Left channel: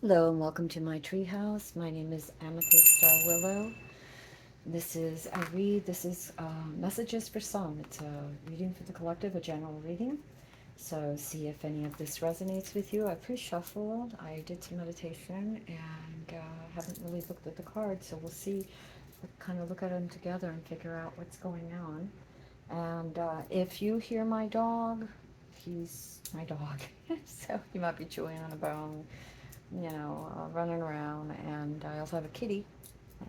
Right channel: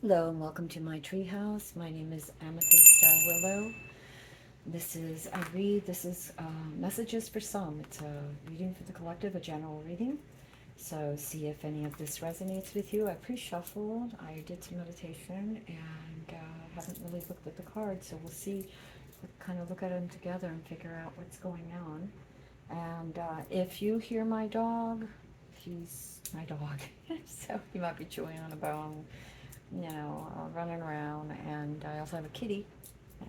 Hello and welcome to my treehouse. My name is Amethyst Star Willow. This is Messages for Some. It's a reading for the collective, a general reading. So see if any of this resonates with you. I pre-shuffled, I did some meditation, and haven't really looked at the cards, so we'll see, kind of look at them together and figure out what's going on. And if you hear my dog, he's my dog. So he might be chewing on a bone, running around. And I also have a kitty,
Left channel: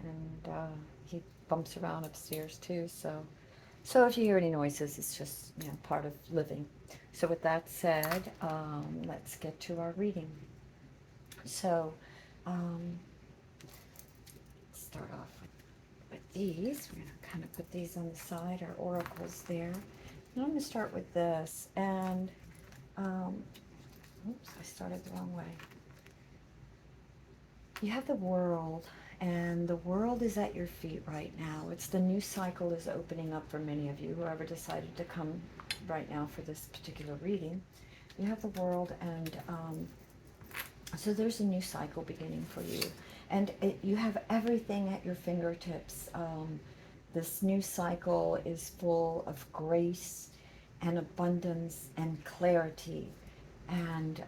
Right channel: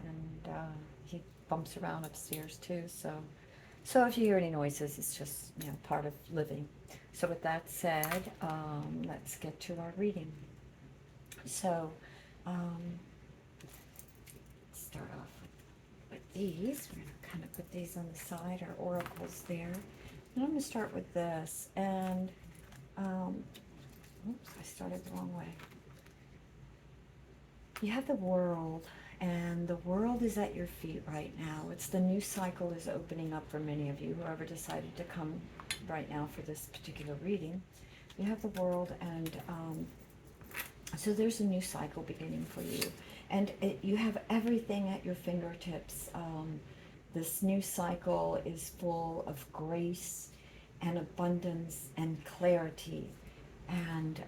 and he bumps around upstairs too. So if you hear any noises, it's just part of living. So with that said, let's get to our reading. So um, start off with these. We're going to kind of put these on the side, our oracles there. And I'm going to start with this. And oops, I started the wrong way. You have the world, and the world is at your feet right now. It's the new cycle is opening up for many of you, whoever decided to come right now for this particular reading. You have the world, and so there's a new cycle beginning for you. And you have everything at your fingertips. This new cycle is full of grace and abundance and clarity. And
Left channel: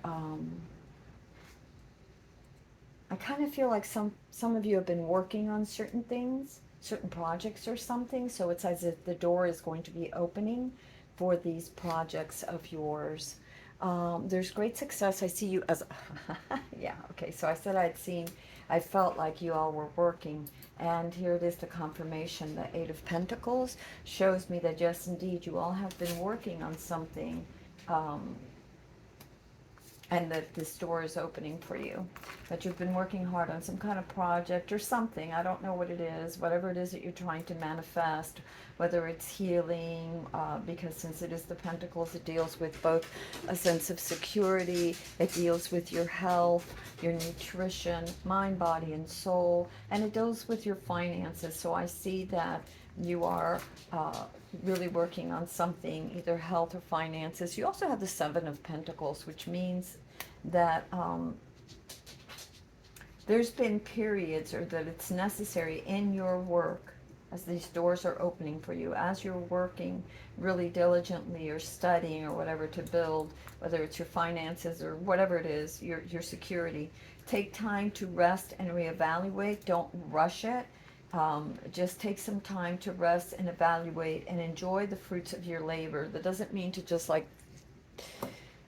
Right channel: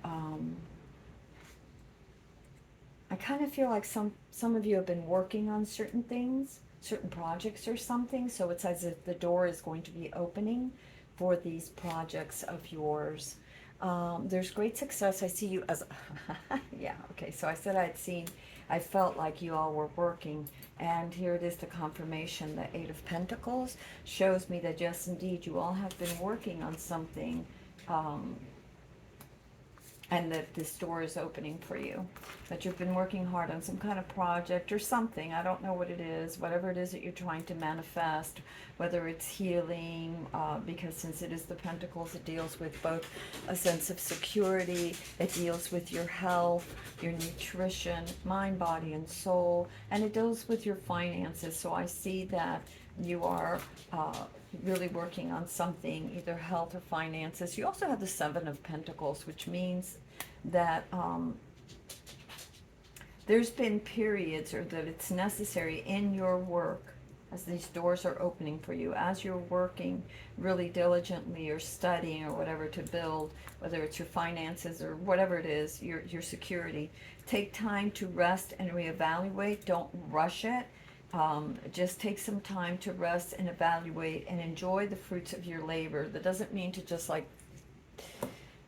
I kind of feel like some of you have been working on certain things, certain projects or something. So it's as if the door is going to be opening for these projects of yours. There's great success. I see you as, yeah, okay. So I said I felt like you all were working. And here it is, the confirmation. The Eight of Pentacles shows me that yes, indeed, you all have been working on something. And that this door is opening for you, that you've been working hard on some kind of project or something. I don't know what it is, whatever it is that you're trying to manifest, whether it's healing, because since it is the Pentacles, it deals with both a sense of security, it deals with your health, your nutrition, mind, body, and soul, and it deals with your finances. So I see that you are really working on something, either health or finances. You also have the Seven of Pentacles, which means that there's been periods, or that it's necessary in your work, as these doors are opening for you, as you're working really diligently or studying or whatever to build, whether it's your finances or whatever it is, your security. Take time to rest and reevaluate. Don't rush it. Just take some time to rest and evaluate and enjoy the fruits of your labor. That doesn't mean to just like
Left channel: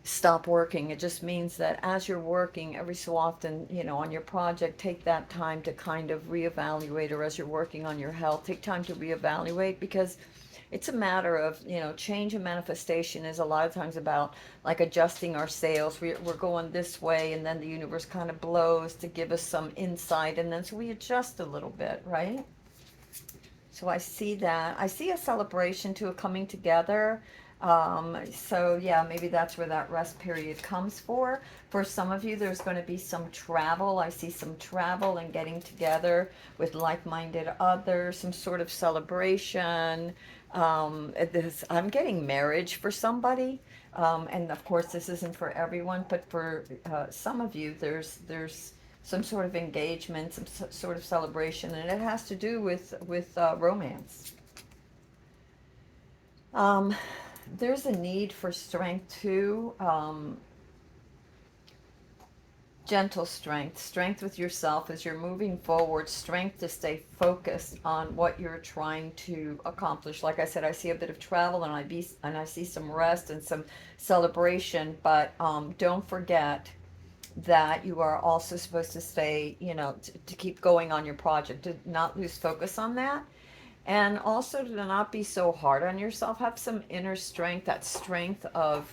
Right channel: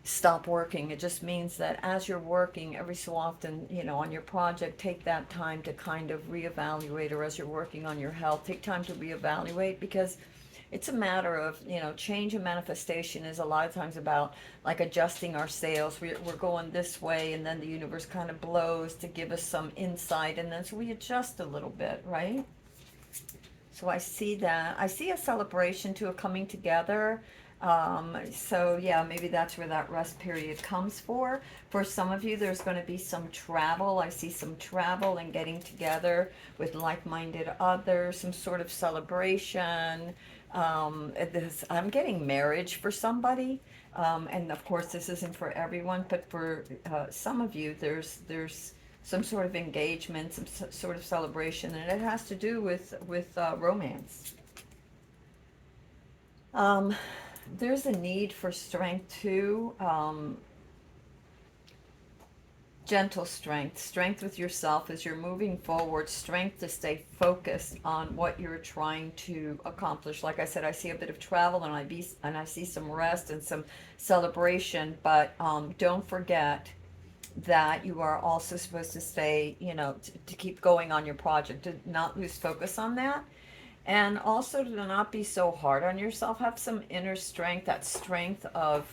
stop working. It just means that as you're working every so often, on your project, take that time to kind of reevaluate, or as you're working on your health, take time to reevaluate, because it's a matter of, change and manifestation is a lot of times about like adjusting our sails. We're going this way, and then the universe kind of blows to give us some insight, and then so we adjust a little bit, right? So I see that. I see a celebration to a coming together. So yeah, maybe that's where that rest period comes for. For some of you, there's going to be some travel. I see some travel and getting together with like-minded others, some sort of celebration. I'm getting marriage for somebody. And of course, this isn't for everyone, but for some of you, there's some sort of engagement, some sort of celebration, and it has to do with romance. Um, there's a need for strength too. Gentle strength, strength with yourself as you're moving forward, strength to stay focused on what you're trying to accomplish. Like I said, I see a bit of travel, and I see some rest and some celebration, but don't forget that you are also supposed to stay, to keep going on your project, to not lose focus on that. And also to not be so hard on yourself. Have some inner strength. That strength of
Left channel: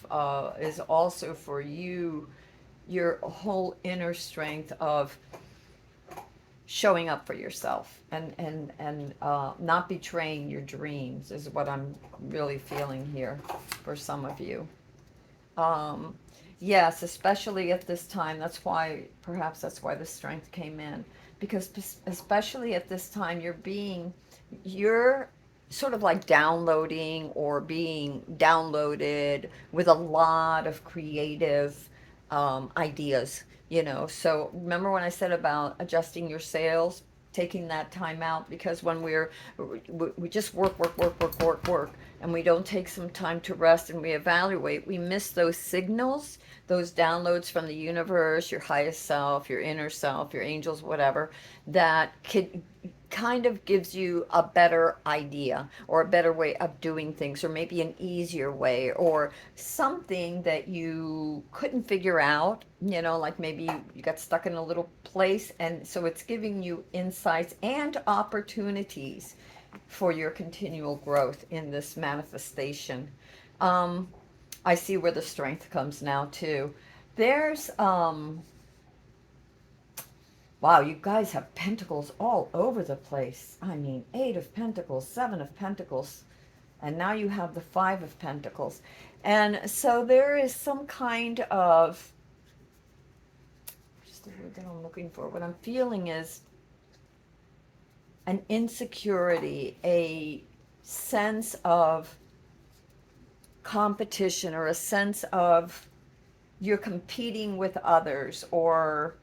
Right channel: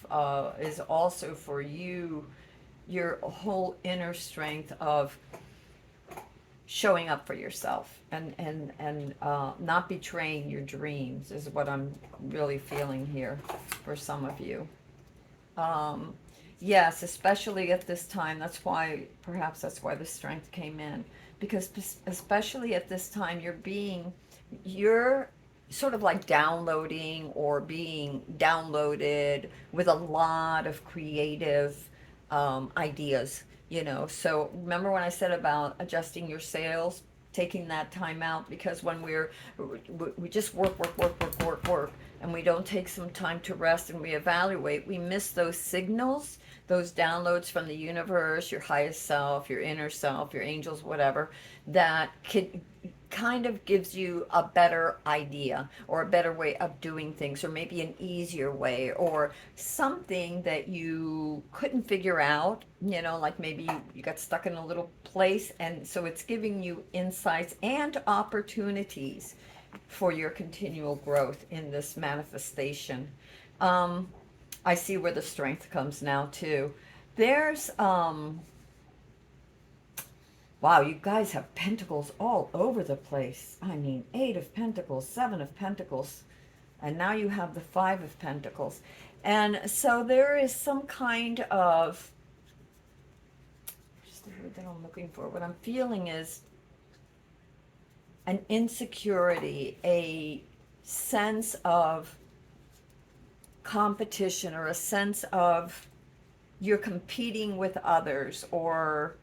is also for you, your whole inner strength of showing up for yourself, and not betraying your dreams is what I'm really feeling here for some of you. Um, yes, especially at this time. Perhaps that's why the strength came in. Because especially at this time, you're sort of like downloading or being downloaded with a lot of creative ideas. you know. So remember when I said about adjusting your sails, taking that time out, because when we just work, and we don't take some time to rest and we evaluate, we miss those signals, those downloads from the universe, your highest self, your inner self, your angels, whatever, that could kind of gives you a better idea or a better way of doing things, or maybe an easier way, or something that you couldn't figure out, you know, like maybe you got stuck in a little place, and so it's giving you insights and opportunities for your continual growth in this manifestation. um I see where the strength comes now too. There's wow, you guys have pentacles all over the place. I mean, 8 of Pentacles, 7 of Pentacles, and now you have the 5 of Pentacles. And so there is some kind of, just the word that I'm looking for, what I'm feeling is an insecurity, a sense of competition, or a sense of you're competing with others, or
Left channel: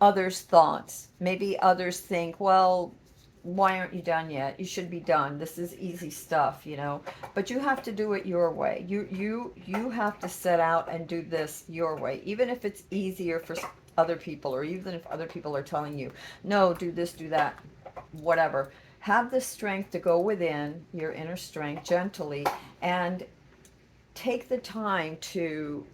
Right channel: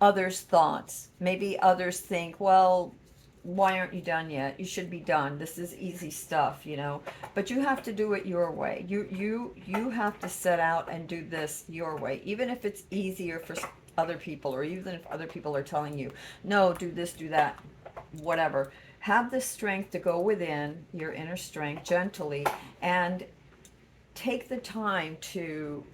others' thoughts. Maybe others think, well, why aren't you done yet? You should be done. This is easy stuff, you know. But you have to do it your way. You have to set out and do this your way, even if it's easier for other people, or even if other people are telling you, no, do this, do that, whatever. Have the strength to go within your inner strength gently and take the time to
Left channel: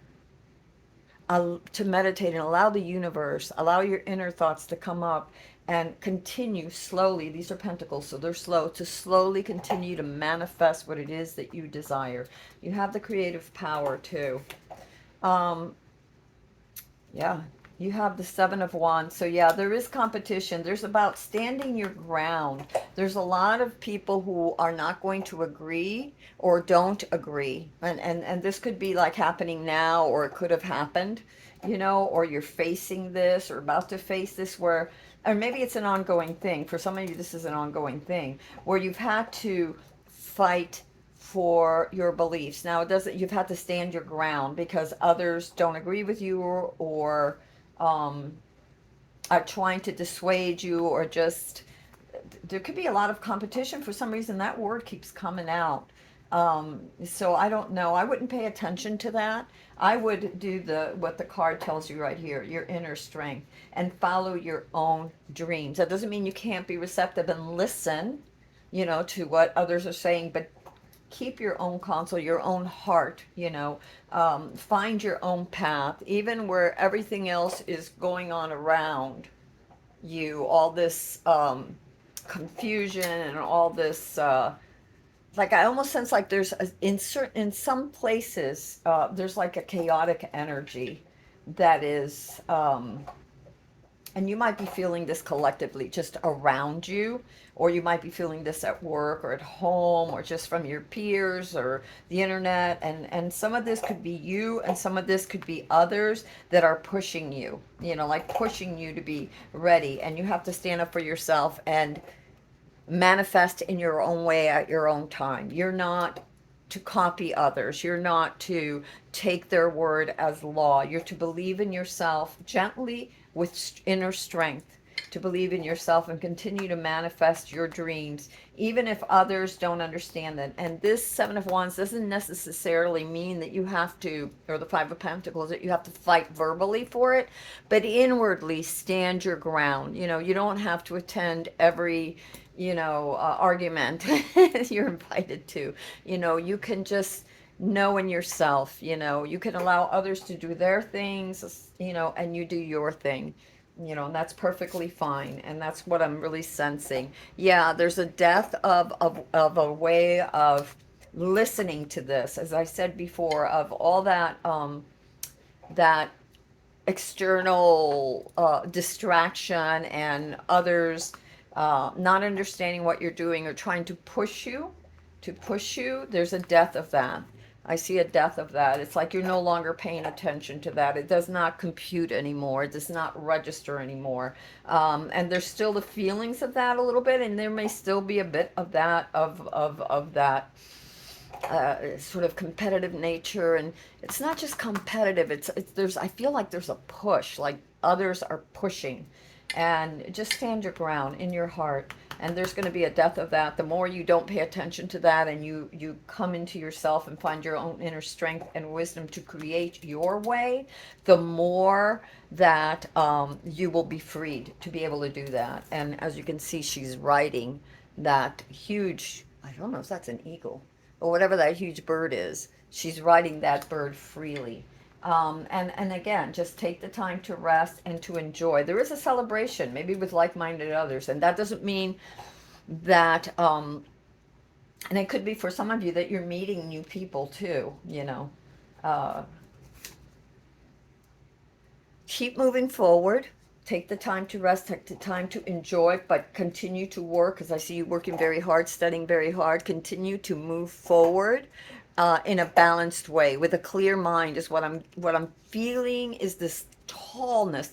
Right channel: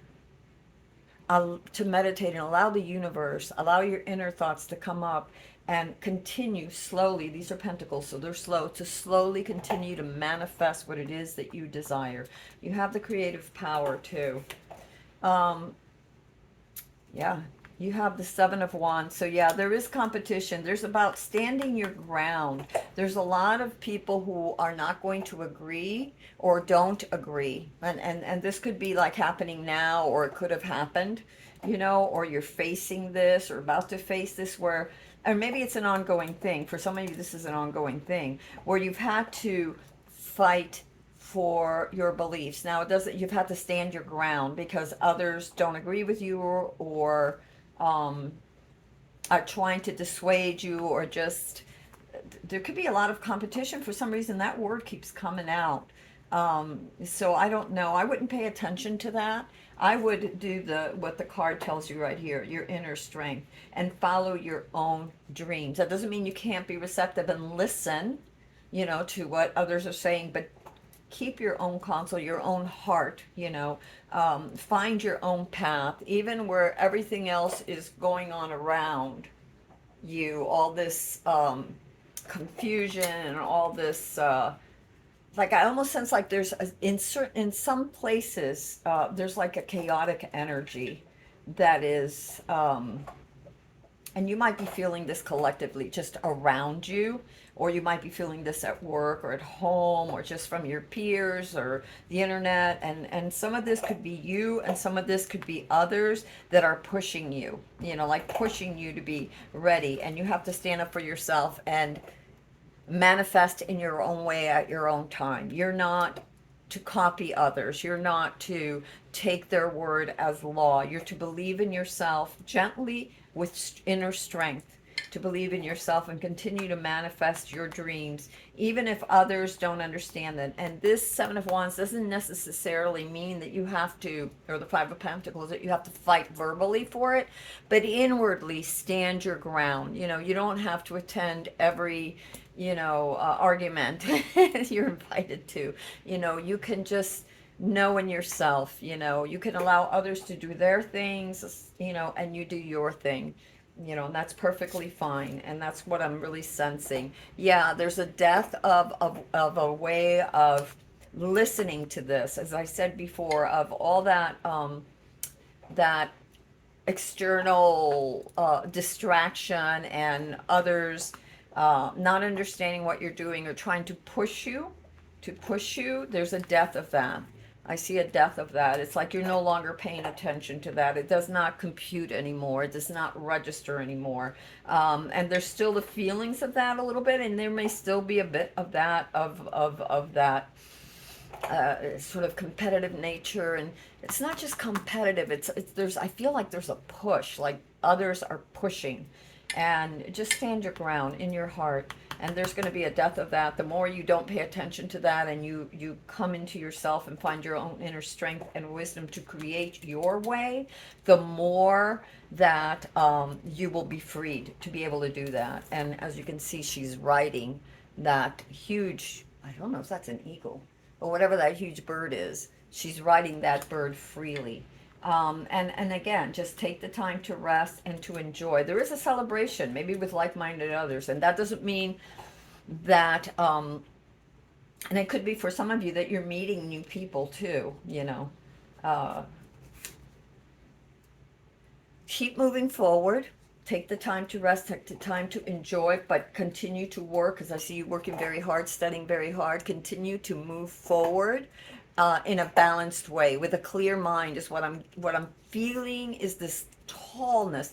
meditate and allow the universe, allow your inner thoughts to come up and continue slowly. These are pentacles, so they're slow, to slowly continue to manifest what it is that you desire. You have the creative power too. Yeah, you have the 7 of Wands. So yeah, there is competition. There's about standing your ground. There's a lot of people who are not going to agree or don't agree. And this could be like happening now, or it could have happened, you know, or you're facing this or about to face this, where, or maybe it's an ongoing thing. For some of you, this is an ongoing thing where you've had to fight for your beliefs. Now, it doesn't, you've had to stand your ground because others don't agree with you, or um, are trying to dissuade you, or just, there could be a lot of competition. For some reason, that word keeps coming out. So I don't know. I wouldn't pay attention to that. I would do what the card tells you right here, your inner strength, and follow your own dreams. That doesn't mean you can't be receptive and listen, you know, to what others are saying, but keep your own counsel, your own heart, you know. Find your own path, even where everything else is going on around you, all this confusion and all this like, I almost sense like there's in some places there's like a chaotic energy that is and you might be feeling this collectively just around you, or you might be feeling this at work or at home, or just from your peers or the internet. And some of this could be you, and some of this could be others that are pushing you, you know, like pushing you to be ready. And you have to stand up for yourself and manifest in your own way at your own time. You're not to copy others. You're not to take their word as law. You're to believe in yourself gently with inner strength, to believe in yourself and continue to manifest your dreams, even if others don't understand that. And this 7 of Wands doesn't necessarily mean that you have to, or the 5 of Pentacles, that you have to fight verbally for it, but inwardly stand your ground. You know, you don't have to attend every, you know, argument you're invited to. You know, you can just know in yourself, you know, you can allow others to do their things, you know, and you do your thing, you know, and that's perfectly fine. And that's what I'm really sensing. Yeah, there's a death of a way of listening to this, as I said before, of all that that external distraction, and others not understanding what you're doing, or trying to push you, there's a death of that. I see a death of that. It's like you're no longer paying attention to that. It does not compute anymore. It does not register anymore. And there's still the feelings of that a little bit, and there may still be a bit of that, of that sort of competitive nature, and it's not just competitive. It's there's I feel like there's a push, like others are pushing, and just stand your ground in your heart. And there's going to be a death of that. The more you don't pay attention to that, and you come into yourself and find your own inner strength and wisdom to create your way, the more that you will be freed to be able to do that. And as you can see, she's riding that huge, I don't know if that's an eagle or whatever that huge bird is. She's riding that bird freely. And again, just take the time to rest and to enjoy. There is a celebration, maybe with like-minded others, and that doesn't mean that, and it could be for some of you that you're meeting new people too, you know. Uh, Keep moving forward. Take the time to rest, take the time to enjoy, but continue to work, because I see you working very hard, studying very hard. Continue to move forward in a balanced way with a clear mind. Is what I'm feeling, is this tallness,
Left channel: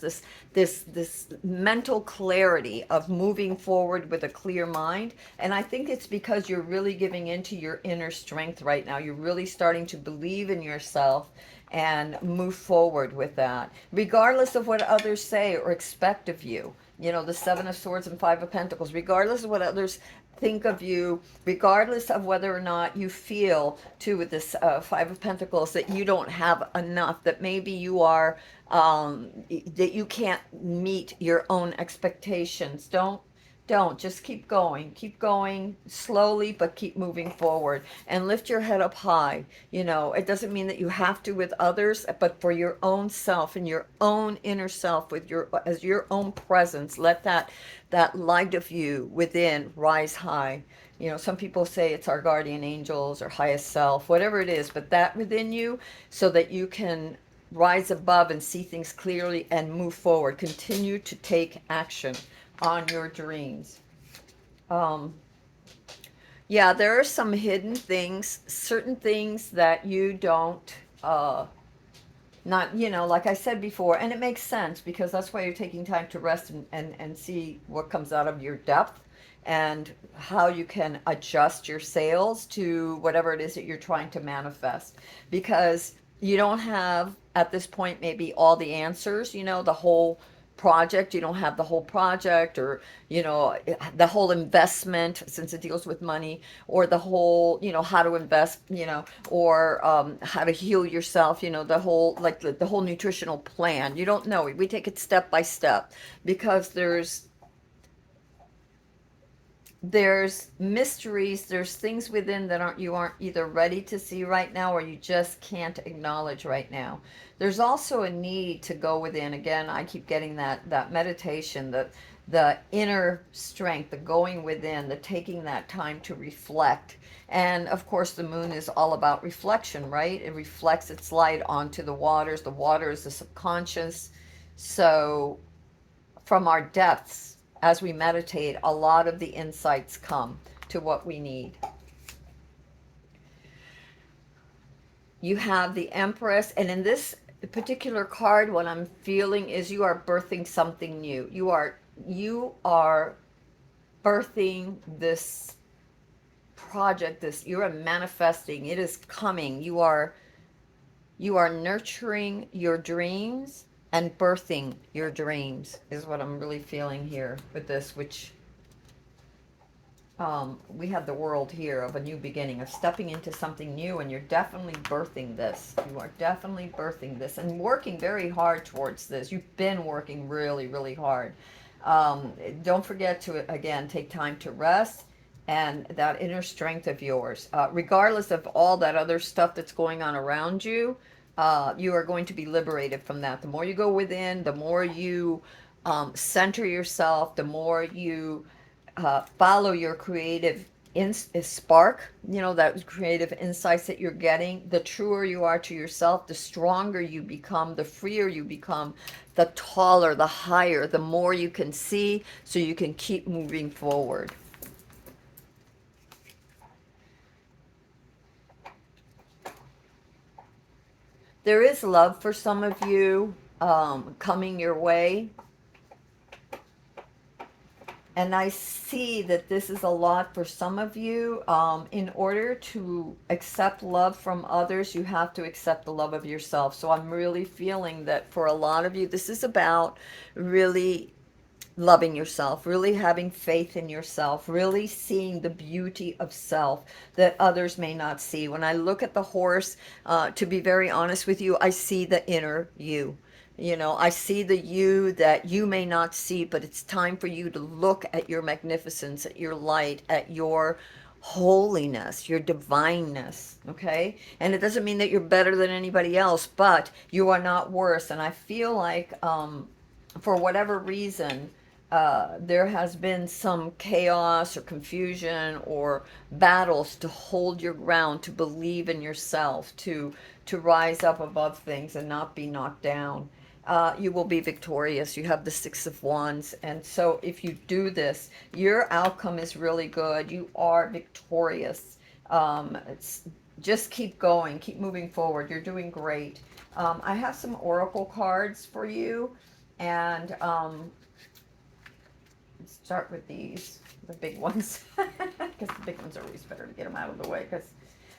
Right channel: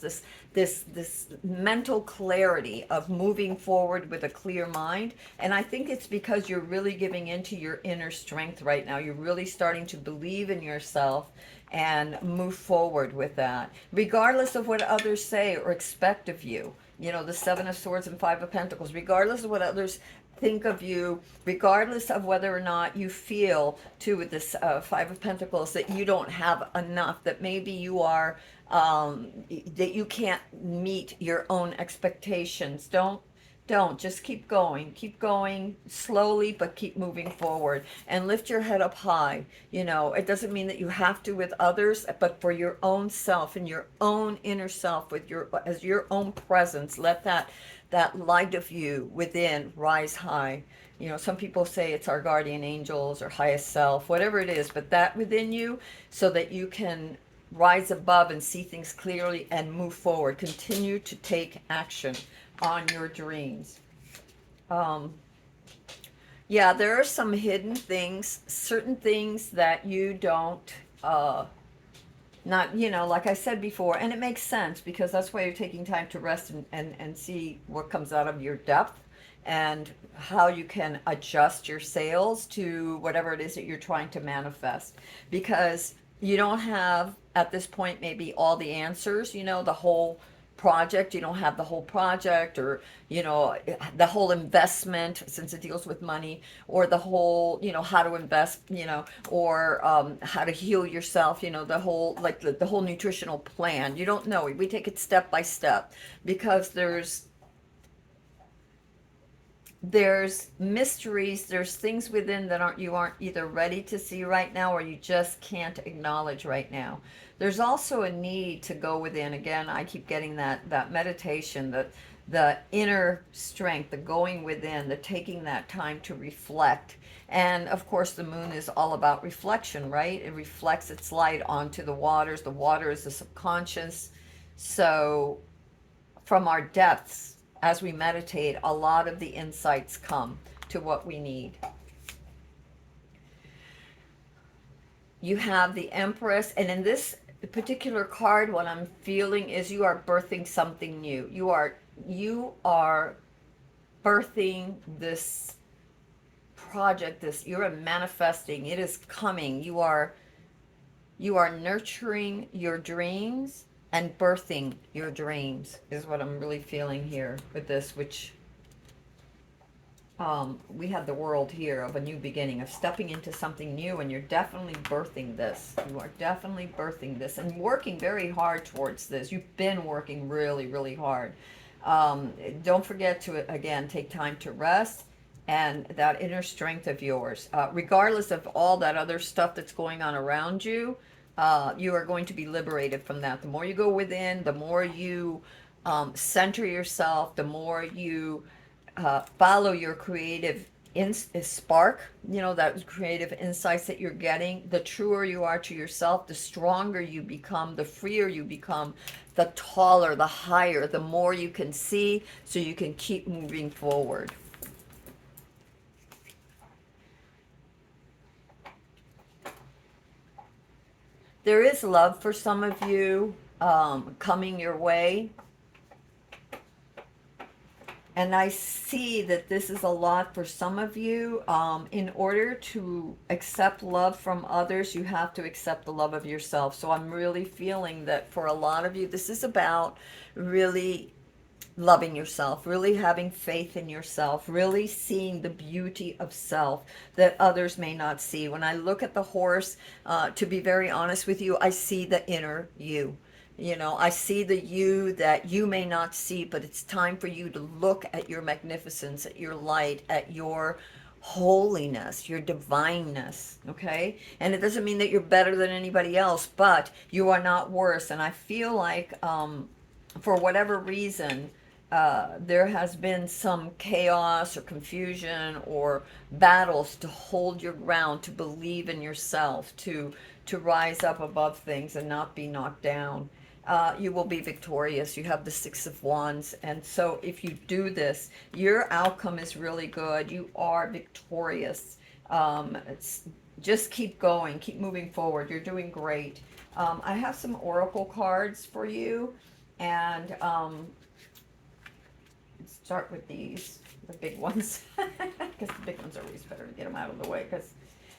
this mental clarity of moving forward with a clear mind. And I think it's because you're really giving into your inner strength right now. You're really starting to believe in yourself and move forward with that, regardless of what others say or expect of you. You know, the Seven of Swords and Five of Pentacles, regardless of what others think of you, regardless of whether or not you feel, too, with this Five of Pentacles, that you don't have enough, that maybe you are, that you can't meet your own expectations. Don't just keep going slowly, but keep moving forward and lift your head up high. You know, it doesn't mean that you have to with others, but for your own self and your own inner self, with your, as your own presence, let that light of you within rise high. You know, some people say it's our guardian angels or highest self, whatever it is, but that within you, so that you can rise above and see things clearly and move forward. Continue to take action on your dreams. Um, yeah, there are some hidden things, certain things that you don't, not, you know, like I said before, and it makes sense because that's why you're taking time to rest and see what comes out of your depth and how you can adjust your sails to whatever it is that you're trying to manifest. Because you don't have, at this point, maybe all the answers, you know, the whole project. You don't have the whole project, or, you know, the whole investment, since it deals with money, or the whole, you know, how to invest, you know, or how to heal yourself, you know, the whole, like the whole nutritional plan. You don't know. We take it step by step, because there's mysteries, there's things within that aren't either ready to see right now, or you just can't acknowledge right now. There's also a need to go within. Again, I keep getting that meditation, the inner strength, the going within, the taking that time to reflect. And of course, the moon is all about reflection, right? It reflects its light onto the waters. The water is the subconscious. So from our depths, as we meditate, a lot of the insights come to what we need. You have the Empress, and in this particular card, what I'm feeling is you are birthing something new. You are birthing this project, this, you are manifesting, it is coming. You are nurturing your dreams and birthing your dreams, is what I'm really feeling here with this, which we have the world here of a new beginning, of stepping into something new, and you're definitely birthing this. You are definitely birthing this and working very hard towards this. You've been working really, really hard. Don't forget to, again, take time to rest and that inner strength of yours. Regardless of all that other stuff that's going on around you, you are going to be liberated from that. The more you go within, the more you center yourself, the more you follow your creative spark, you know, that creative insights that you're getting. The truer you are to yourself, the stronger you become, the freer you become, the taller, the higher, the more you can see, so you can keep moving forward. There is love for some of you coming your way. And I see that this is a lot for some of you. In order to accept love from others, you have to accept the love of yourself. So I'm really feeling that for a lot of you, this is about really loving yourself, really having faith in yourself, really seeing the beauty of self that others may not see. When I look at the horse, to be very honest with you, I see the inner you. You know, I see the you that you may not see, but it's time for you to look at your magnificence, at your light, at your holiness, your divineness, okay? And it doesn't mean that you're better than anybody else, but you are not worse. And I feel like, for whatever reason, there has been some chaos or confusion or battles to hold your ground, to believe in yourself, to rise up above things and not be knocked down. You will be victorious. You have the Six of Wands. And so if you do this, your outcome is really good. You are victorious. Just keep going, keep moving forward. You're doing great. I have some oracle cards for you. And let's start with these, the big ones, because the big ones are always better to get them out of the way, because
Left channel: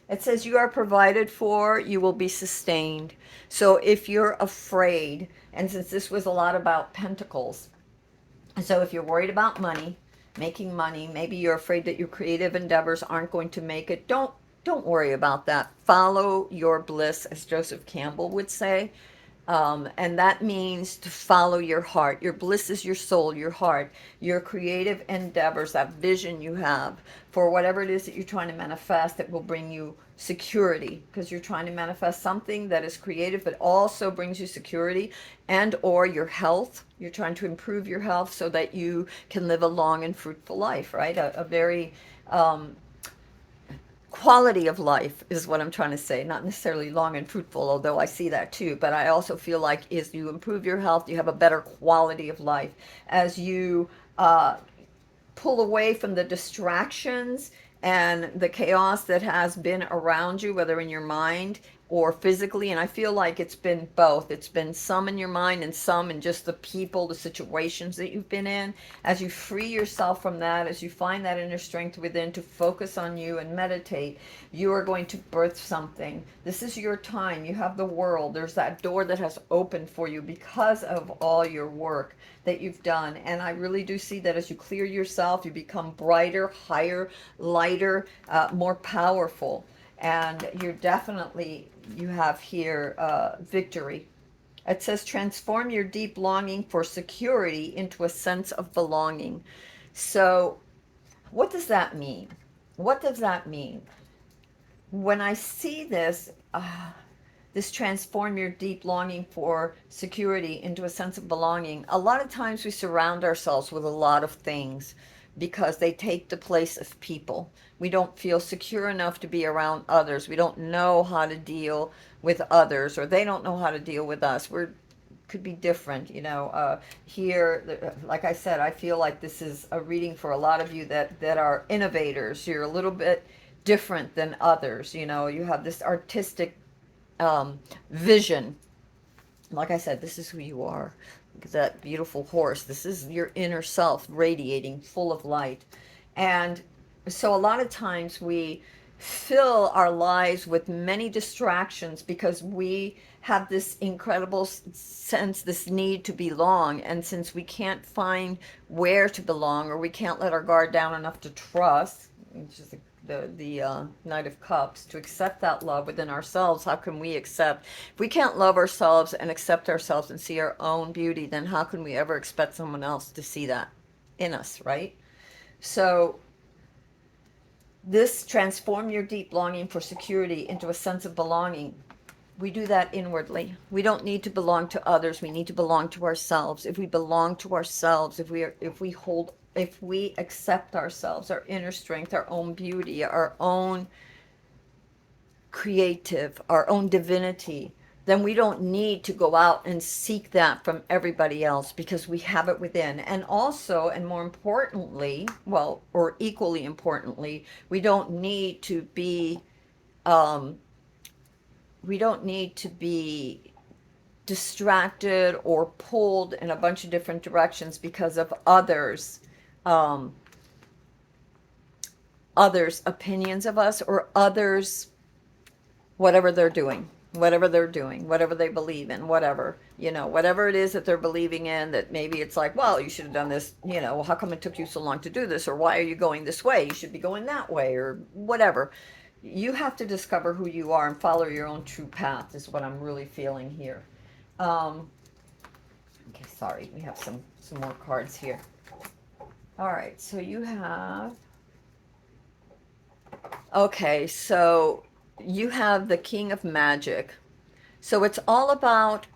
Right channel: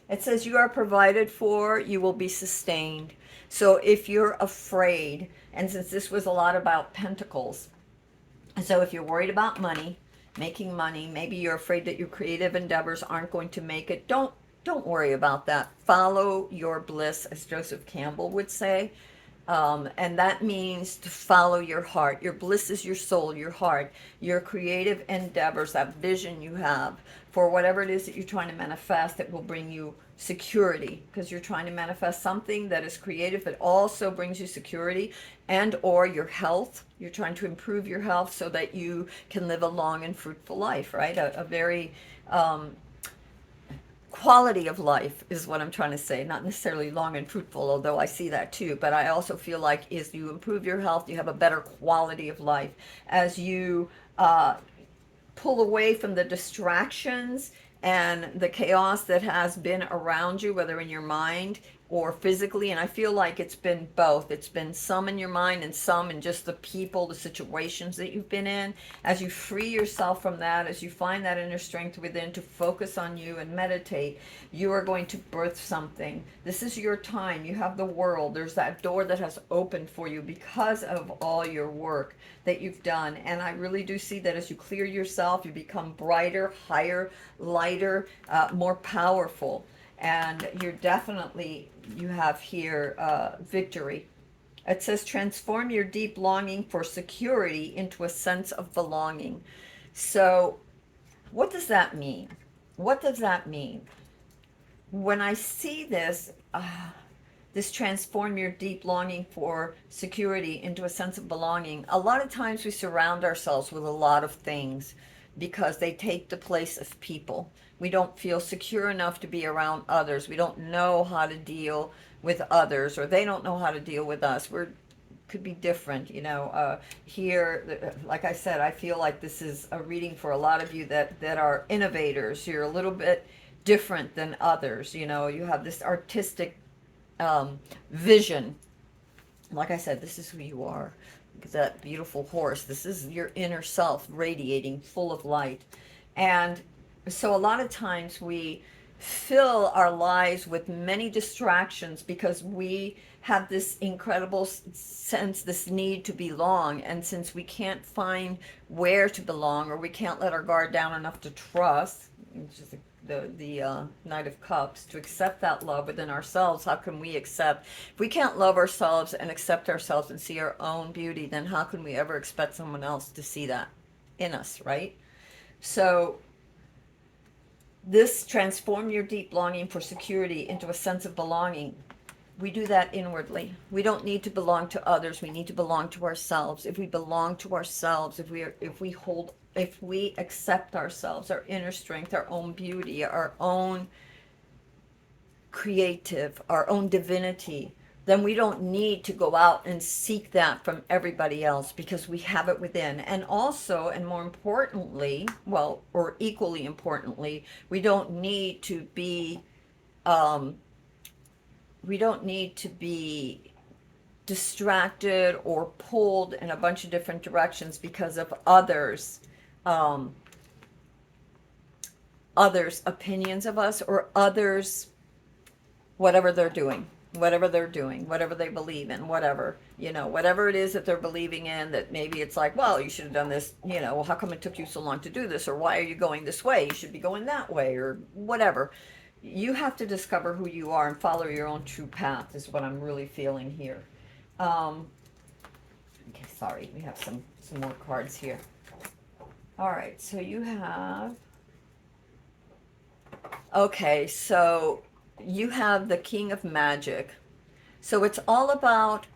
it says you are provided for, you will be sustained. So if you're afraid, and since this was a lot about pentacles, so if you're worried about money, making money, maybe you're afraid that your creative endeavors aren't going to make it, don't worry about that. Follow your bliss, as Joseph Campbell would say. And that means to follow your heart. Your bliss is your soul, your heart, your creative endeavors, that vision you have for whatever it is that you're trying to manifest that will bring you security, because you're trying to manifest something that is creative but also brings you security, and or your health. You're trying to improve your health so that you can live a long and fruitful life, right? A very quality of life is what I'm trying to say, not necessarily long and fruitful, although I see that too. But I also feel like as you improve your health, you have a better quality of life. As you pull away from the distractions and the chaos that has been around you, whether in your mind or physically. And I feel like it's been both. It's been some in your mind and some in just the people, the situations that you've been in. As you free yourself from that, as you find that inner strength within to focus on you and meditate, you are going to birth something. This is your time. You have the world. There's that door that has opened for you because of all your work that you've done. And I really do see that as you clear yourself, you become brighter, higher, lighter, more powerful. And you're definitely, you have here victory. It says transform your deep longing for security into a sense of belonging. So what does that mean? What does that mean? When I see this, this transform your deep longing for security into a sense of belonging, a lot of times we surround ourselves with a lot of things because they take the place of people. We don't feel secure enough to be around others. We don't know how to deal with others, or they don't know how to deal with us. We're could be different, you know. Here, like I said, I feel like this is a reading for a lot of you that are innovators. You're a little bit different than others. You know, you have this artistic vision. Like I said, this is who you are. That beautiful horse. This is your inner self radiating, full of light. And so a lot of times we fill our lives with many distractions because we have this incredible sense, this need to belong. And since we can't find where to belong, or we can't let our guard down enough to trust, which is the Knight of Cups, to accept that love within ourselves, how can we accept? If we can't love ourselves and accept ourselves and see our own beauty, then how can we ever expect someone else to see that in us, right? So this transform your deep longing for security into a sense of belonging. We do that inwardly. We don't need to belong to others. We need to belong to ourselves. If we belong to ourselves, if we accept ourselves, our inner strength, our own beauty, our own creative, our own divinity, then we don't need to go out and seek that from everybody else because we have it within. And also, and more importantly, well, or equally importantly, we don't need to be distracted or pulled in a bunch of different directions because of others um, others' opinions of us, or others, whatever they're doing, whatever they believe in, whatever, whatever it is that they're believing in, that maybe it's like, well, you should have done this, well, how come it took you so long to do this? Or why are you going this way? You should be going that way, or whatever. You have to discover who you are and follow your own true path, is what I'm really feeling here. Okay, sorry, we have some more cards here. All right, so you have, okay, so you have the King of Magic. So it's all about,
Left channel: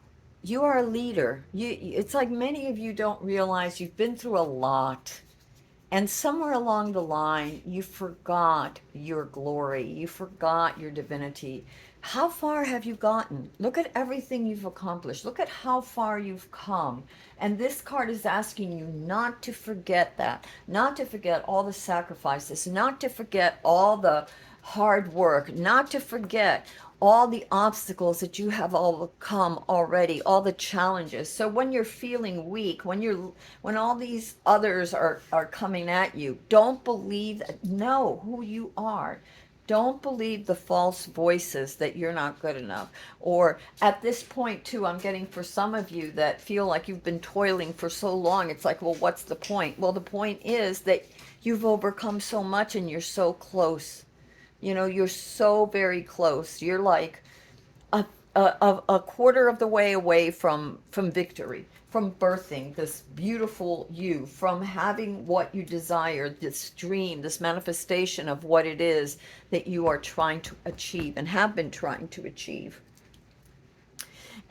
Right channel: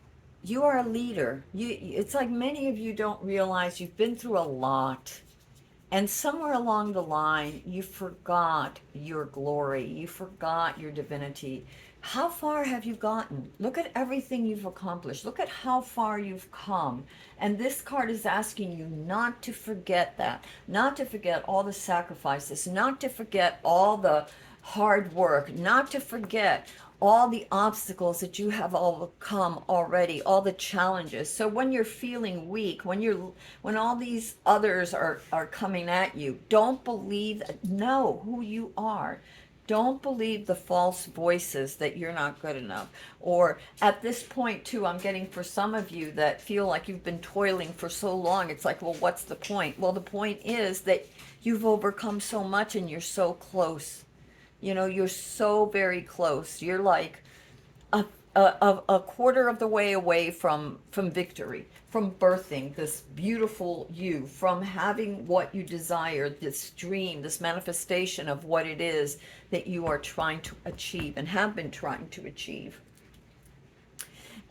you are a leader. It's like many of you don't realize you've been through a lot. And somewhere along the line, you forgot your glory. You forgot your divinity. How far have you gotten? Look at everything you've accomplished. Look at how far you've come. And this card is asking you not to forget that, not to forget all the sacrifices, not to forget all the hard work, not to forget all the obstacles that you have overcome already, all the challenges. So when you're feeling weak, when all these others are coming at you, don't believe, know who you are. Don't believe the false voices that you're not good enough. Or at this point too, I'm getting, for some of you that feel like you've been toiling for so long, it's like, well, what's the point? Well, the point is that you've overcome so much and you're so close. You're so very close. You're like a quarter of the way away from victory, from birthing this beautiful you, from having what you desire, this dream, this manifestation of what it is that you are trying to achieve and have been trying to achieve.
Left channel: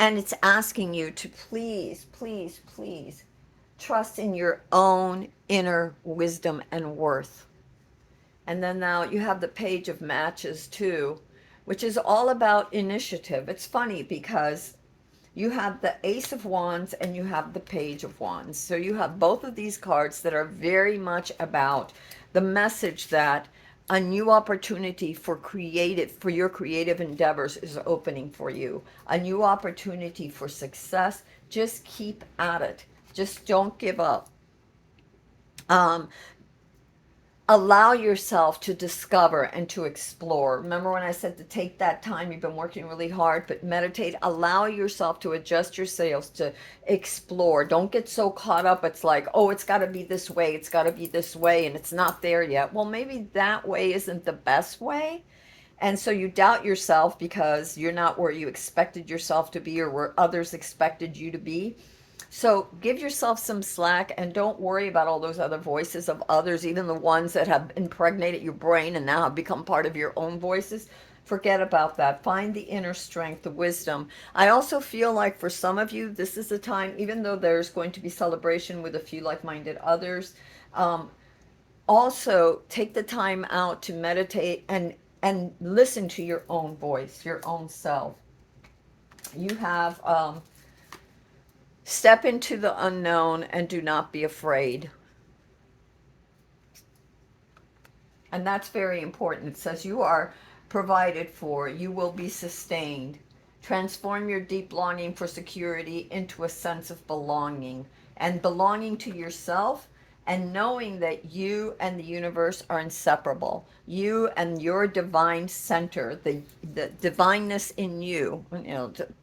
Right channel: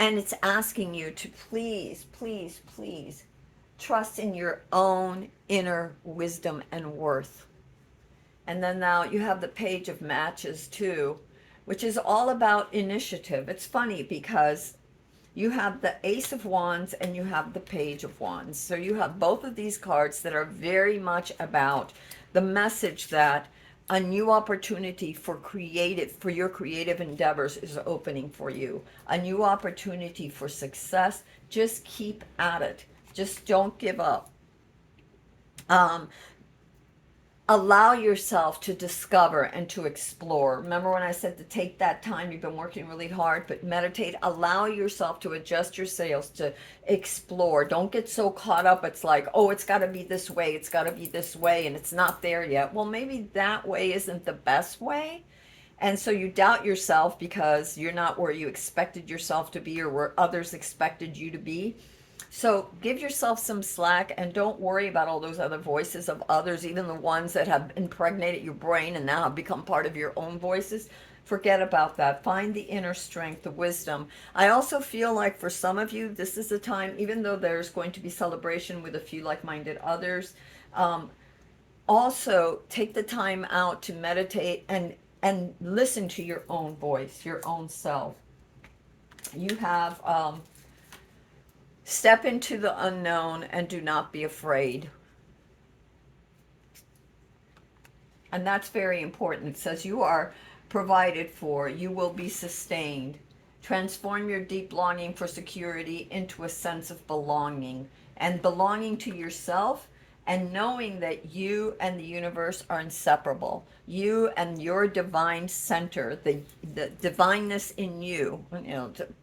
And it's asking you to please, please, please trust in your own inner wisdom and worth. And then now you have the Page of Matches too, which is all about initiative. It's funny because you have the Ace of Wands and you have the Page of Wands. So you have both of these cards that are very much about the message that a new opportunity for your creative endeavors is opening for you. A new opportunity for success. Just keep at it. Just don't give up. Allow yourself to discover and to explore. Remember when I said to take that time, you've been working really hard, but meditate. Allow yourself to adjust your sails, to explore. Don't get so caught up. It's like, oh, it's got to be this way. It's got to be this way. And it's not there yet. Well, maybe that way isn't the best way. And so you doubt yourself because you're not where you expected yourself to be or where others expected you to be. So give yourself some slack and don't worry about all those other voices of others, even the ones that have impregnated your brain and now have become part of your own voices. Forget about that. Find the inner strength, the wisdom. I also feel like for some of you, this is a time, even though there's going to be celebration with a few like-minded others, also take the time out to meditate and listen to your own voice, your own self. You have... step into the unknown and do not be afraid. And that's very important. It says you are provided for, you will be sustained. Transform your deep longing for security into a sense of belonging, and belonging to yourself, and knowing that you and the universe are inseparable. You and your divine center, the divineness in you,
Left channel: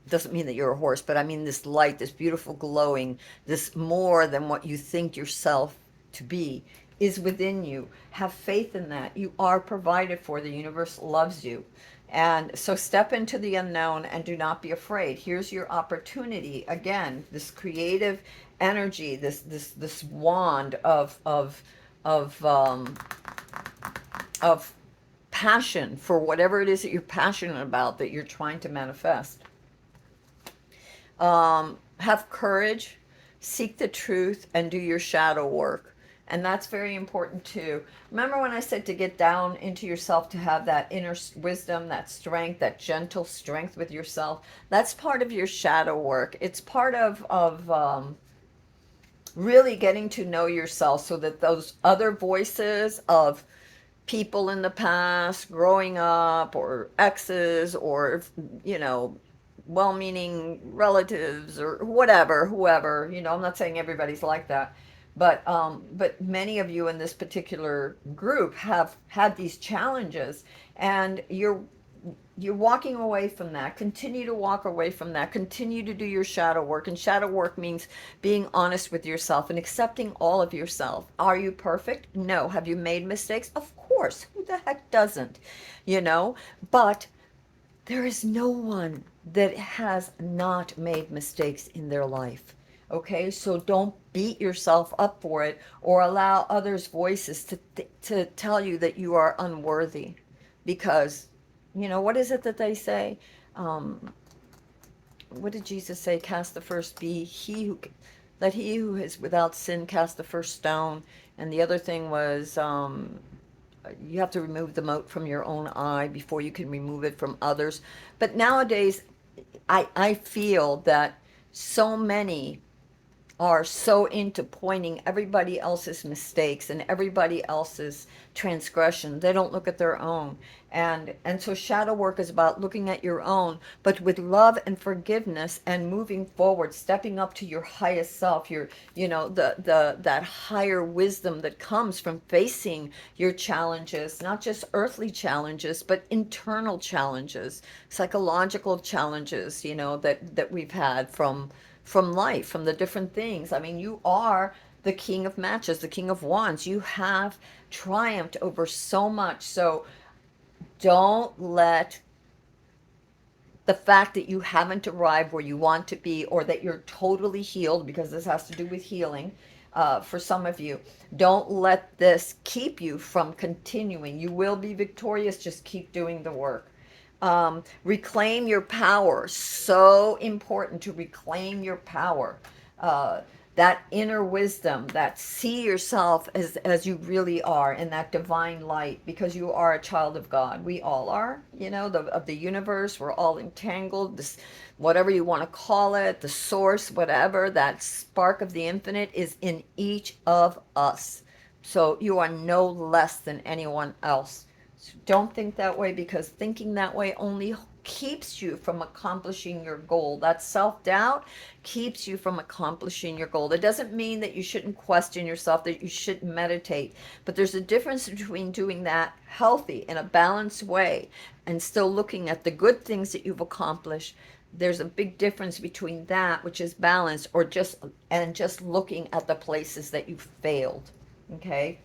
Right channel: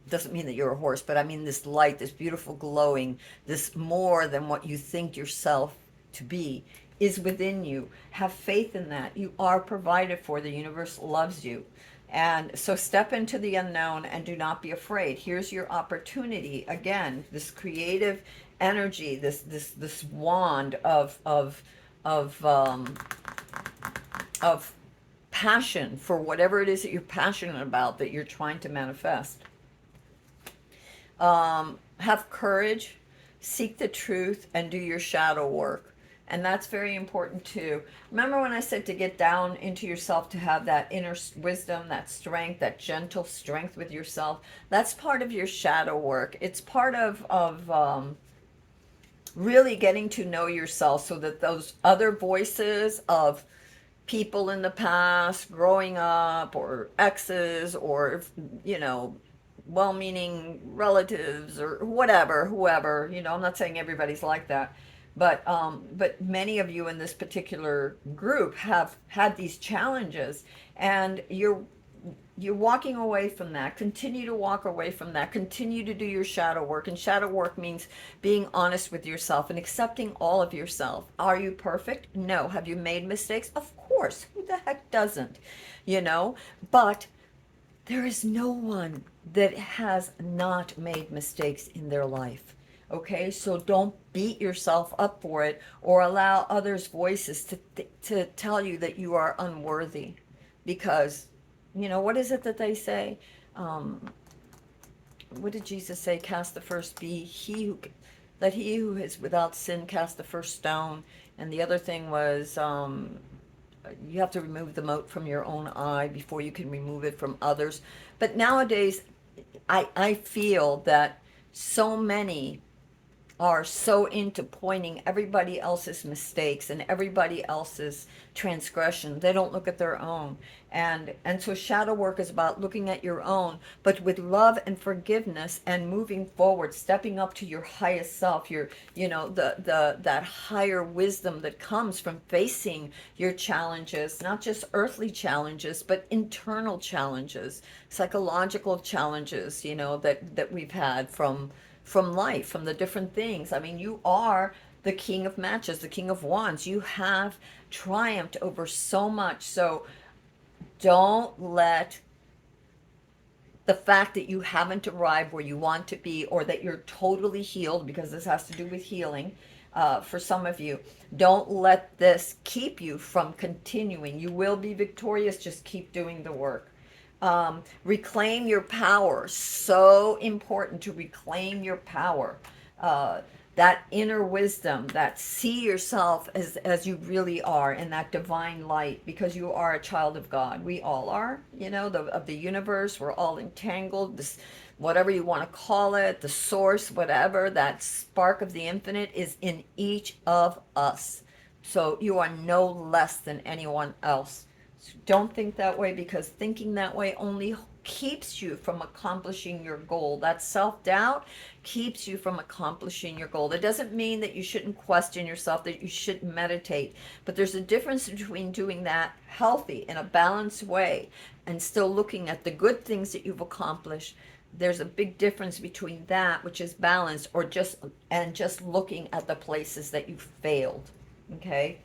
doesn't mean that you're a horse, but I mean this light, this beautiful glowing, this more than what you think yourself to be, is within you. Have faith in that. You are provided for. The universe loves you. And so step into the unknown and do not be afraid. Here's your opportunity. Again, this creative energy, this wand of passion for whatever it is that you're passionate about, that you're trying to manifest. Have courage, seek the truth, and do your shadow work. And that's very important too. Remember when I said to get down into yourself, to have that inner wisdom, that strength, that gentle strength with yourself? That's part of your shadow work. It's part of really getting to know yourself, so that those other voices of people in the past, growing up, or exes, or, well-meaning relatives, or whatever, whoever, I'm not saying everybody's like that, But many of you in this particular group have had these challenges, and you're walking away from that. Continue to walk away from that. Continue to do your shadow work. And shadow work means being honest with yourself and accepting all of yourself. Are you perfect? No. Have you made mistakes? Of course. Who the heck doesn't? You know? But there is no one that has not made mistakes in their life. Okay, so don't beat yourself up for it or allow others' voices to tell you that you are unworthy. Because, what is it that they say? Um, what did Jesus say? Cast the first be let he who is without sin cast the first stone. And the other thing was, you have to remove the mote from your own eye before you can remove it from others. But nowadays, I feel that so many are so into pointing everybody else's mistakes and everybody else's transgression. They don't look at their own. And so shadow work is about looking at your own, but with love and forgiveness and moving forward, stepping up to your highest self, your, the that higher wisdom that comes from facing your challenges, not just earthly challenges, but internal challenges, psychological challenges, that we've had from life, from the different things. I mean, you are the king of matches, the king of wands. You have triumphed over so much. So don't let the fact that you haven't arrived where you want to be, or that you're totally healed, because this has to do with healing for some of you, don't let this keep you from continuing. You will be victorious. Just keep doing the work. Reclaim your power. So important to reclaim your power. That inner wisdom, that see yourself as you really are in that divine light, because you are a child of God. We all are, of the universe. We're all entangled. This, whatever you want to call it, the source, whatever, that spark of the infinite is in each of us. So you are no less than anyone else. Don't think that way, because thinking that way only keeps you from accomplishing your goal. That self-doubt keeps you from accomplishing your goal. It doesn't mean that you shouldn't question yourself, that you shouldn't meditate, but there's a difference between doing that healthy in a balanced way and still looking at the good things that you've accomplished. There's a big difference between that, which is balanced, or just looking at the places that you failed. Okay?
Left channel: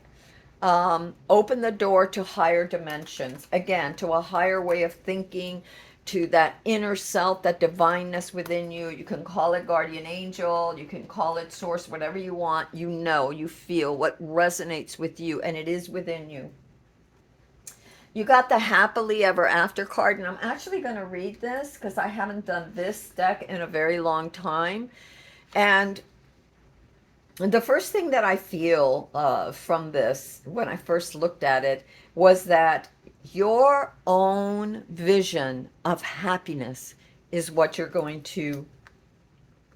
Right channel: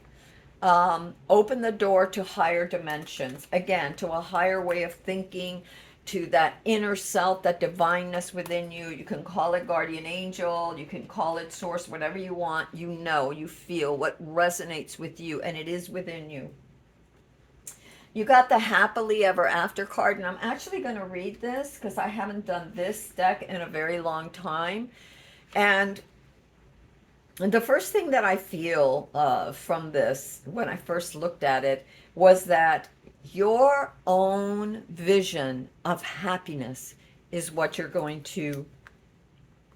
Open the door to higher dimensions, again, to a higher way of thinking, to that inner self, that divineness within you. You can call it guardian angel, you can call it source, whatever you want. You feel what resonates with you, and it is within you. You got the happily ever after card, and I'm actually going to read this because I haven't done this deck in a very long time. And the first thing that I feel from this, when I first looked at it, was that your own vision of happiness is what you're going to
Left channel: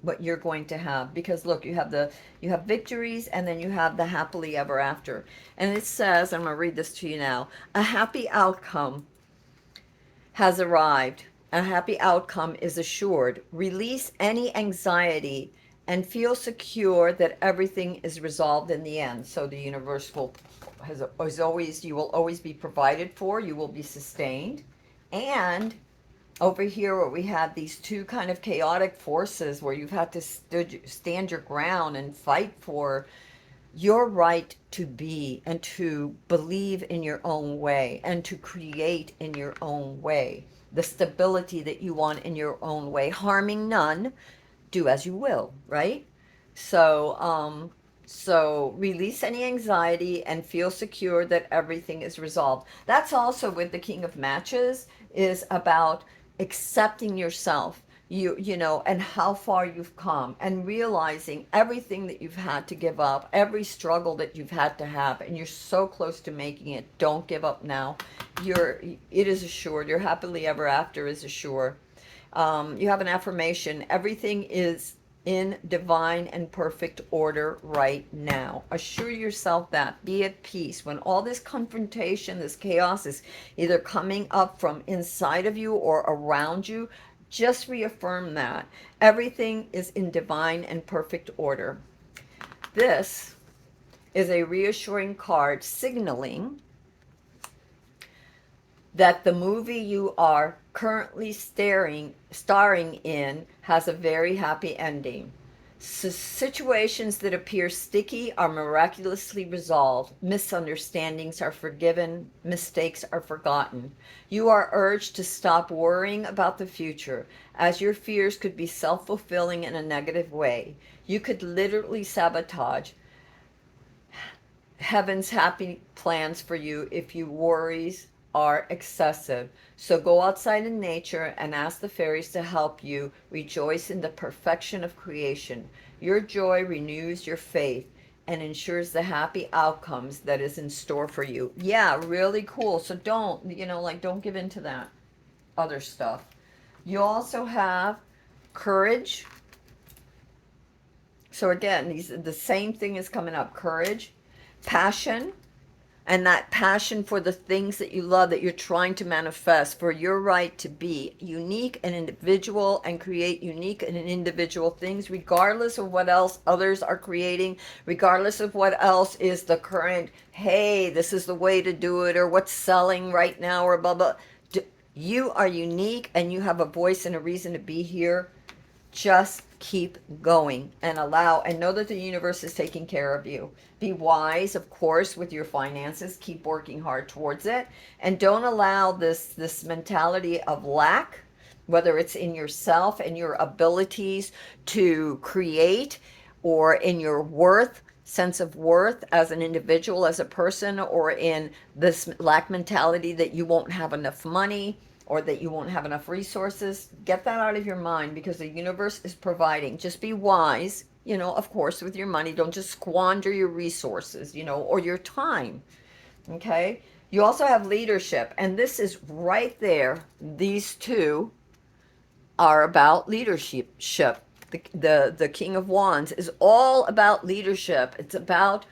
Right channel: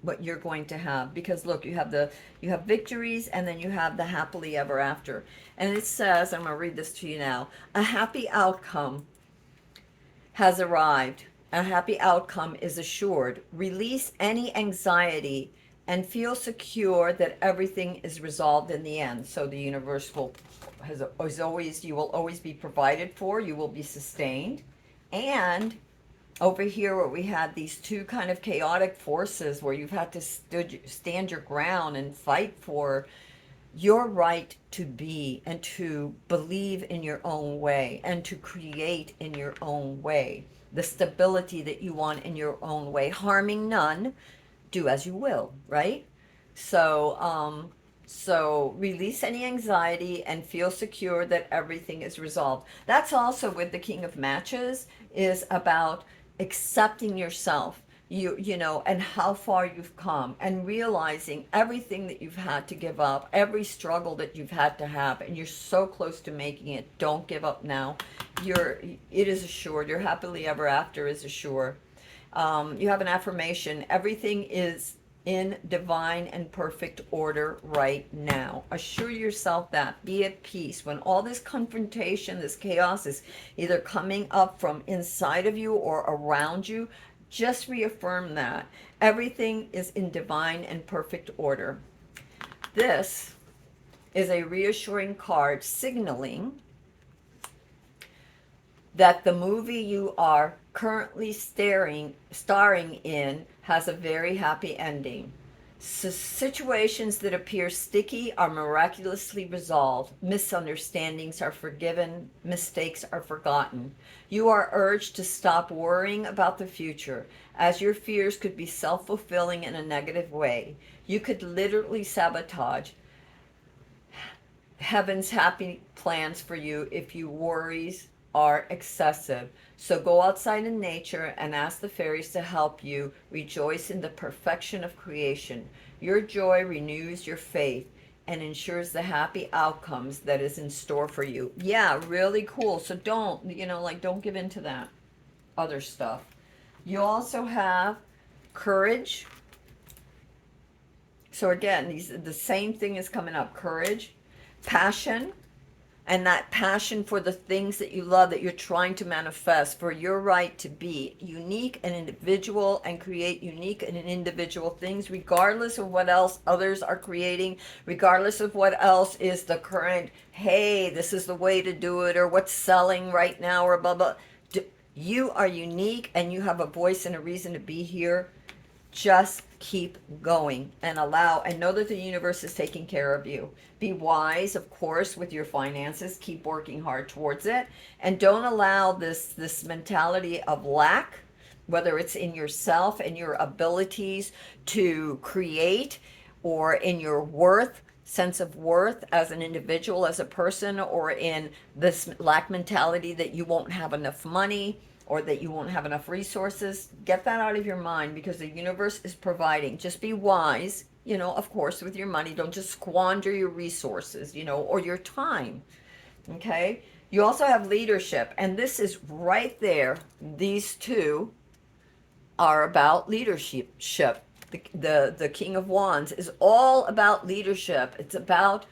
have. Because look, you have victories, and then you have the happily ever after. And it says, I'm going to read this to you now: a happy outcome has arrived. A happy outcome is assured. Release any anxiety and feel secure that everything is resolved in the end. So the universe you will always be provided for, you will be sustained. And over here where we had these two kind of chaotic forces where you've had to stand your ground and fight for your right to be and to believe in your own way and to create in your own way, the stability that you want in your own way, harming none, do as you will, right? So release any anxiety and feel secure that everything is resolved. That's also with the King of Matches, is about accepting yourself, and how far you've come, and realizing everything that you've had to give up, every struggle that you've had to have, and you're so close to making it. Don't give up now. It is assured. Your happily ever after is assured. You have an affirmation: everything is in divine and perfect order right now. Assure yourself that. Be at peace. When all this confrontation, this chaos is either coming up from inside of you or around you, just reaffirm that. Everything is in divine and perfect order. This is a reassuring card signaling that the movie you are currently starring in has a very happy ending. Situations that appear sticky are miraculously resolved. Misunderstandings are forgiven. Mistakes are forgotten. You are urged to stop worrying about the future, as your fears could be self-fulfilling in a negative way. You could literally sabotage heaven's happy plans for you if your worries are excessive. So go outside in nature and ask the fairies to help you rejoice in the perfection of creation. Your joy renews your faith and ensures the happy outcomes that is in store for you. Yeah, really cool. So don't, don't give in to that other stuff. You also have courage. So again, the same thing is coming up. Courage, passion, and that passion for the things that you love, that you're trying to manifest, for your right to be unique and individual and create unique and individual things, regardless of what else others are creating, regardless of what else is the current, hey, this is the way to do it, or what's selling right now, or blah, blah. You are unique and you have a voice and a reason to be here. Just keep going and allow and know that the universe is taking care of you. Be wise, of course, with your finances. Keep working hard towards it, and don't allow this mentality of lack, whether it's in yourself and your abilities to create, or in your sense of worth as an individual, as a person, or in this lack mentality that you won't have enough money or that you won't have enough resources. Get that out of your mind, because the universe is providing. Just be wise, of course, with your money. Don't just squander your resources, or your time. Okay? You also have leadership, and this is right there. These two are about leadership. The King of Wands is all about leadership. It's about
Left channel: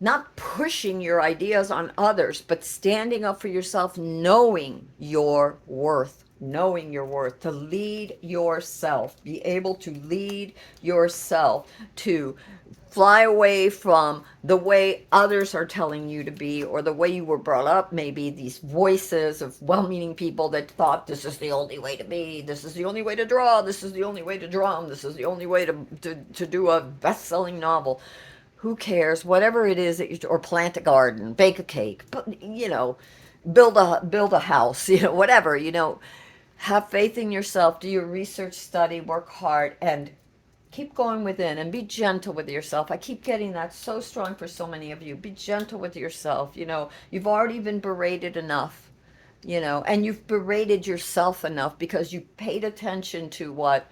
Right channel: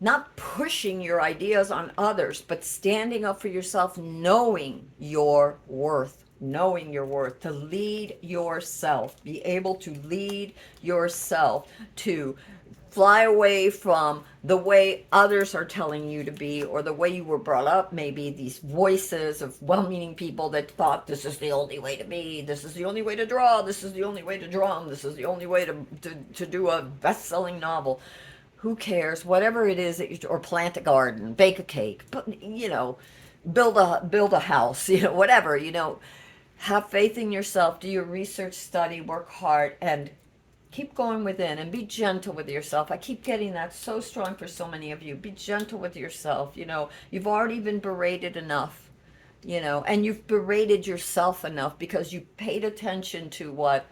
not pushing your ideas on others, but standing up for yourself, knowing your worth, to lead yourself, be able to lead yourself, to fly away from the way others are telling you to be, or the way you were brought up. Maybe these voices of well-meaning people that thought this is the only way to be, this is the only way to draw, this is the only way to drum, this is the only way to do a best-selling novel. Who cares? Whatever it is that or plant a garden, bake a cake, but build a house, whatever, have faith in yourself, do your research, study, work hard, and keep going within, and be gentle with yourself. I keep getting that so strong for so many of you. Be gentle with yourself. You've already been berated enough, and you've berated yourself enough because you paid attention to what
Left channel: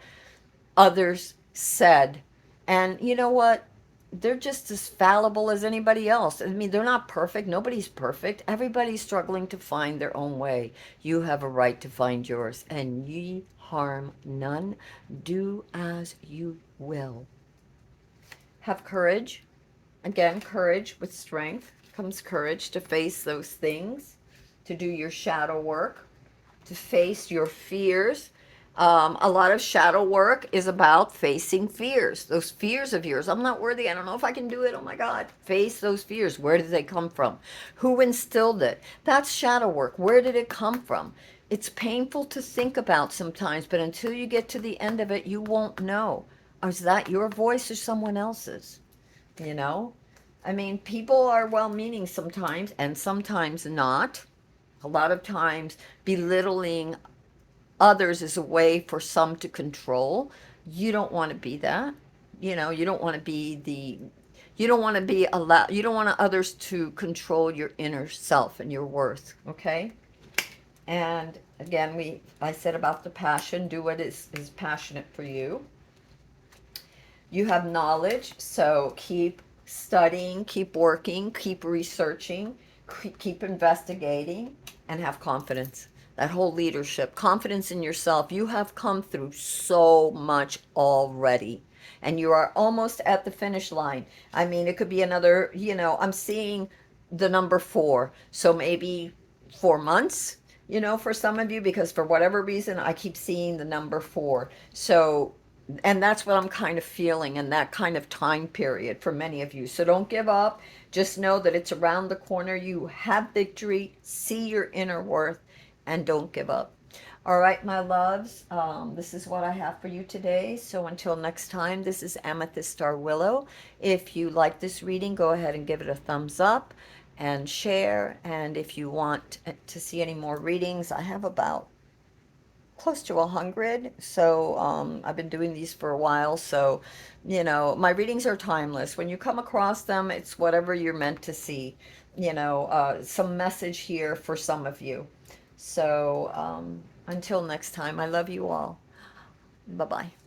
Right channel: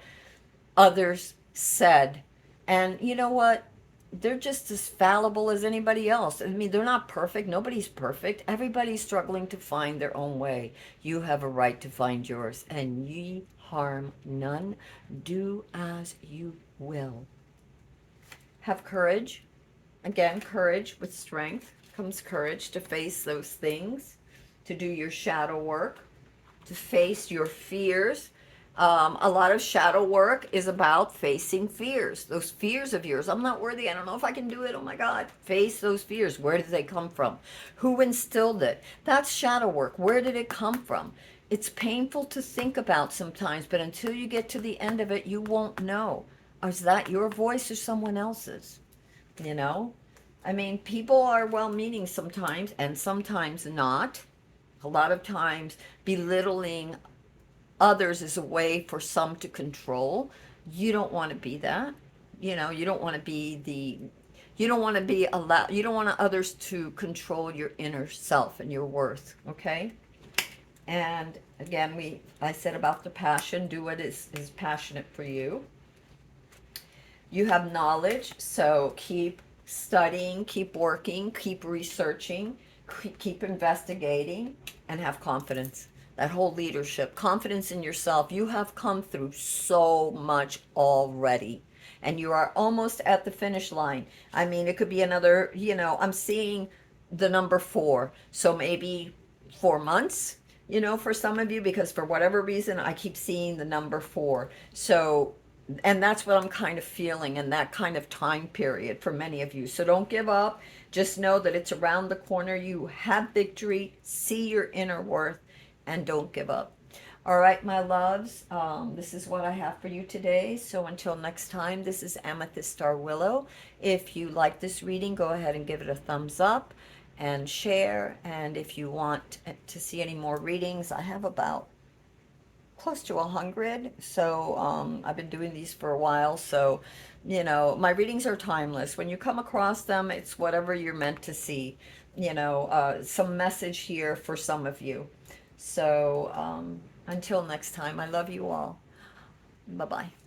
others said. And you know what? They're just as fallible as anybody else. I mean, they're not perfect. Nobody's perfect. Everybody's struggling to find their own way. You have a right to find yours. And ye harm none. Do as you will. Have courage. Again, courage with strength comes courage to face those things, to do your shadow work, to face your fears. A lot of shadow work is about facing fears, those fears of yours. I'm not worthy. I don't know if I can do it. Oh my God. Face those fears. Where did they come from? Who instilled it? That's shadow work. Where did it come from? It's painful to think about sometimes, but until you get to the end of it, you won't know. Is that your voice or someone else's? I mean, people are well-meaning sometimes and sometimes not. A lot of times belittling others is a way for some to control. You don't want to be that. You don't want to be you don't want to be allowed, you don't want others to control your inner self and your worth, okay? And again, I said about the passion, do what is passionate for you. You have knowledge, so keep studying, keep working, keep researching, keep investigating, and have confidence. That whole leadership, confidence in yourself. You have come through so much already, and you are almost at the finish line. I mean, it could be another, I'm seeing the number 4, so maybe 4 months, for some of you, because for whatever reason, I keep seeing the number 4. So And that's what I'm kind of feeling in that kind of time period for many of you. So don't give up. Just know that it's around the corner. You have victory. See your inner worth and don't give up. All right, my loves, this is what I have for you today. So until next time, this is Amethyst Star Willow. If you like this reading, go ahead and give it a thumbs up and share. And if you want to see any more readings, I have about close to 100. So I've been doing these for a while. So, my readings are timeless. When you come across them, it's whatever you're meant to see. Some message here for some of you. So until next time, I love you all. Bye bye.